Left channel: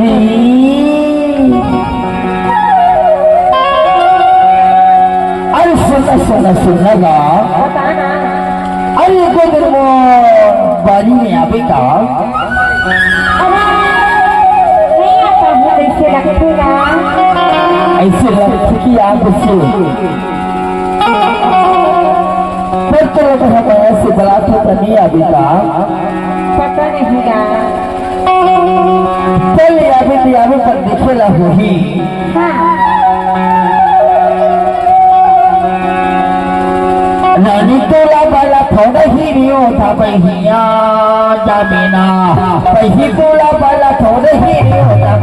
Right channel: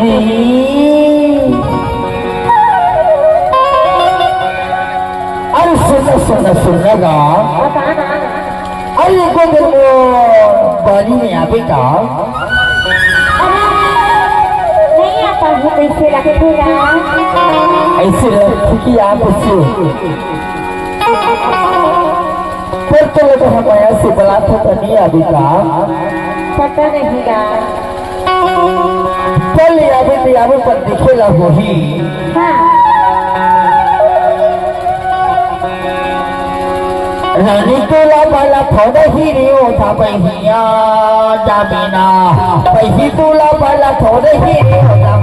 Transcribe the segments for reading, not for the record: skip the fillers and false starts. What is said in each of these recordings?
रे अरे सुना सुना सुना गा अरे गुजर वो बारी में आवे का नहीं आता हूँ ऐसे लगती कि आप फिर तो लगा हमारा से बड़ा तो नहीं आवे का पता नहीं गा चल अभी पर दिखेला वही रानी तोला बाला थोड़ा ही रियो था बहिया जामिना बही तोला बाला थोड़ा ही रियो था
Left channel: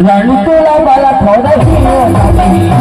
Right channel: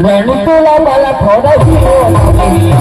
रानी तोला बाला थोड़ा ही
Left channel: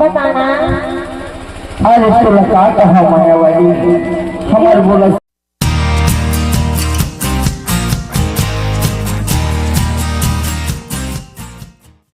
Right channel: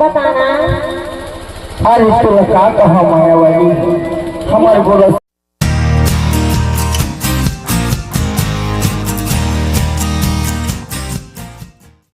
बताना अरे तो कहा माया वाली हमारे बोला